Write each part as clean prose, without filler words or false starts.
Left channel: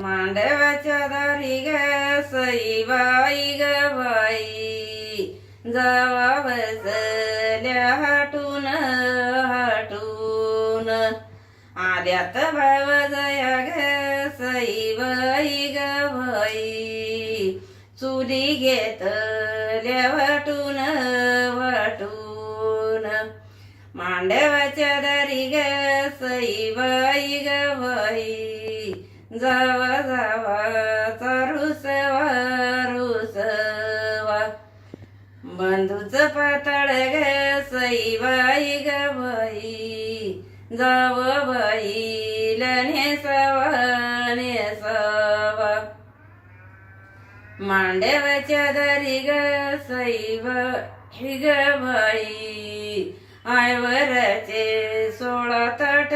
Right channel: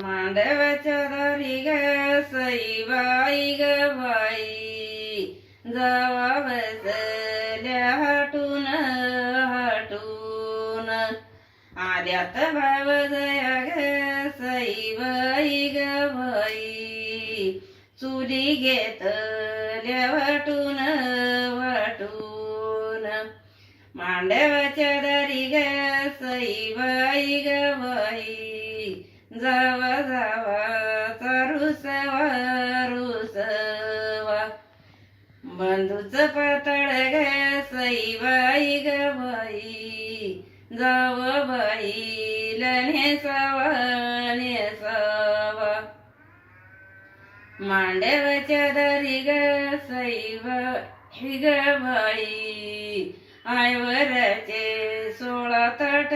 मांडवाच्या दारी ग सई बाई ग बाई, जावा बसल्या हटून हटून, आल्यात भाव जया ग सई बाई ग बाई, चुली घेतल्या वाटून वाटून, मांडवाच्या दारी ग सई बाई ग बाई, जावा जावा रुसवा रुसवा, बंधूच पातळ ग सई बाई ग बाई, जाव बाईला नेसावा नेसावा, मांडवाच्या दारी ग सई बाई ग बाई, आयवराचे 16 ताट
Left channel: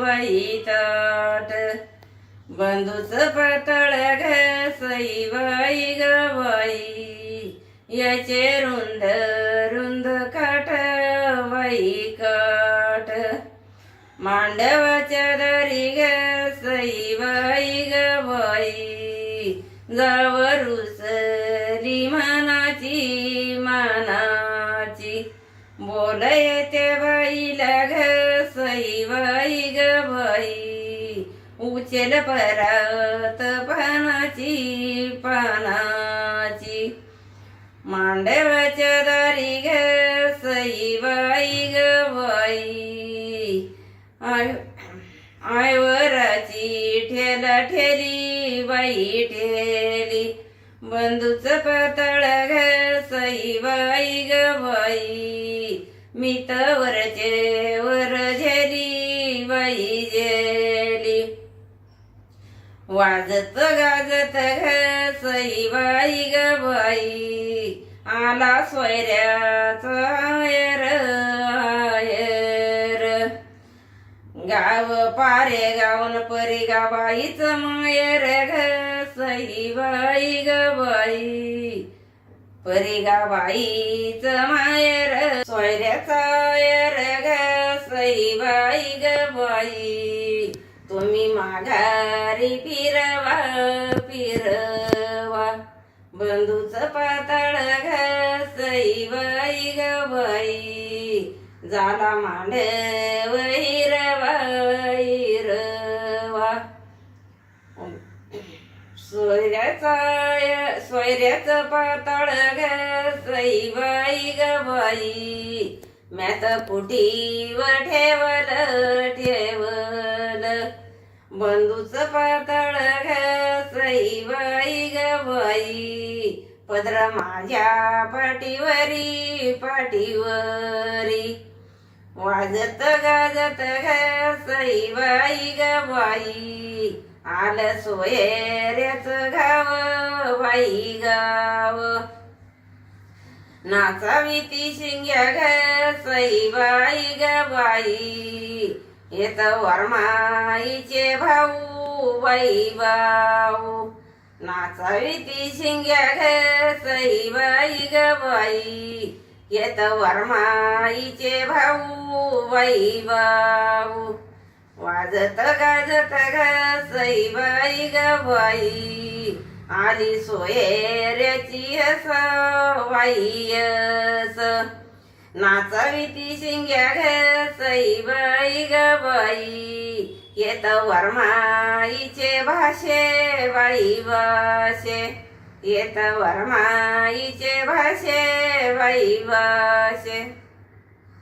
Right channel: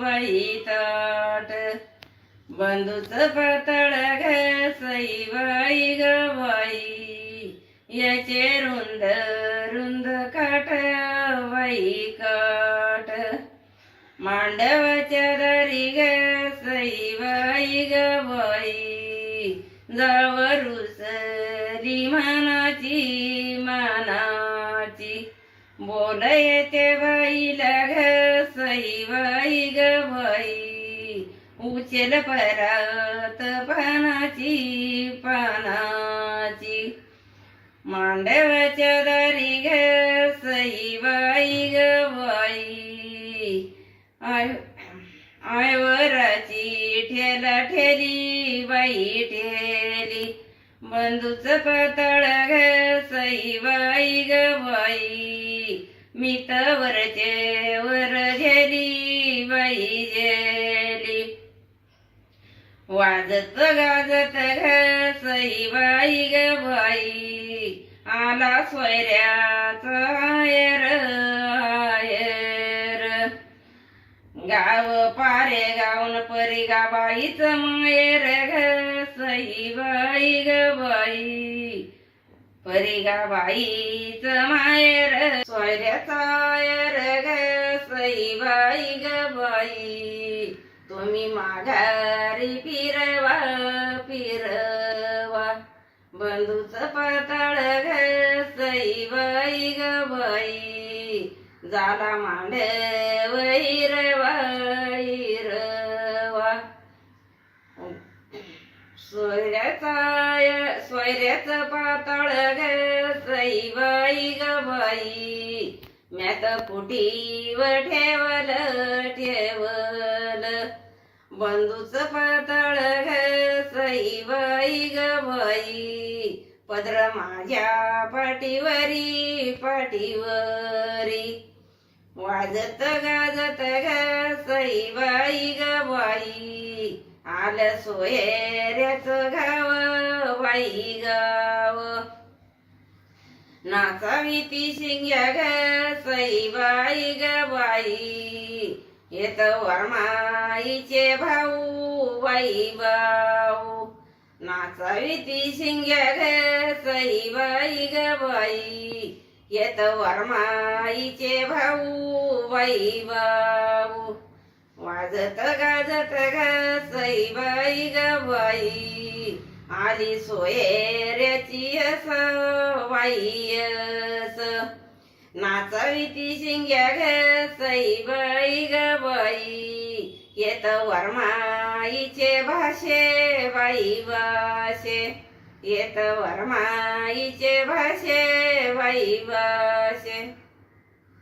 बाई ताट, बंधूच पातळ ग सई बाई ग बाई, याचे रुंद रुंद काठ बाई काठ, मांडवाच्या दारी ग सई बाई ग बाई, जाव रुसली मानाची मानाची, बोल येते बाईला ग सई बाई ग बाई, उचल परात पानाची पानाची, मांडवाच्या दारी ग सई बाई ग बाई, आयवराची ठेला ठेली बाई ठेली, बंधूच पातळ ग सई बाई ग बाई, मी वरचे वर झेली बाई झेली, वाजत गाजत ग सई बाई ग बाई, आला सोयऱ्याचा आयर आयर, गाव पारे गावन परी गाबाईच मायर ग सई बाई ग बाई, परी गाबाईच मायर, सोयऱ्याचा आयर ग सई बाई ग बाई, तुम्ही माघारी फिरवा फिरवा, बंधूच पातळ ग सई बाई ग बाई, झाला मांडव हिरवा हिरवा, सोयऱ्याचं पातळ ग सई बाई ग बाई, म्यात पुटीव ठेवल ठेवल, बंधूच पातळ ग सई बाई ग बाई, पदर माझ्या पाठीवरी पाठीवरी, वाजत गाजत ग सई बाई ग बाई, आलं सोयऱ्याच गाव बाई गाव, नाचावी ती शिंग्या ग सई बाई ग बाई, येत वरमाईचे भाऊ बाई भाऊ, नाचावी ती शिंग्या ग सई बाई ग बाई, येत वरमाईचे भाऊ बाई भाऊ, वाजत गाजत ग सई बाई ग बाई, आली सोयऱ्याची अस बाई अस, नाचावी ती शिंग्या ग सई बाई ग बाई, येत वरमाईचे भाषे बाई भाषे, येत वरमाईचे भाषे बाई भाषे.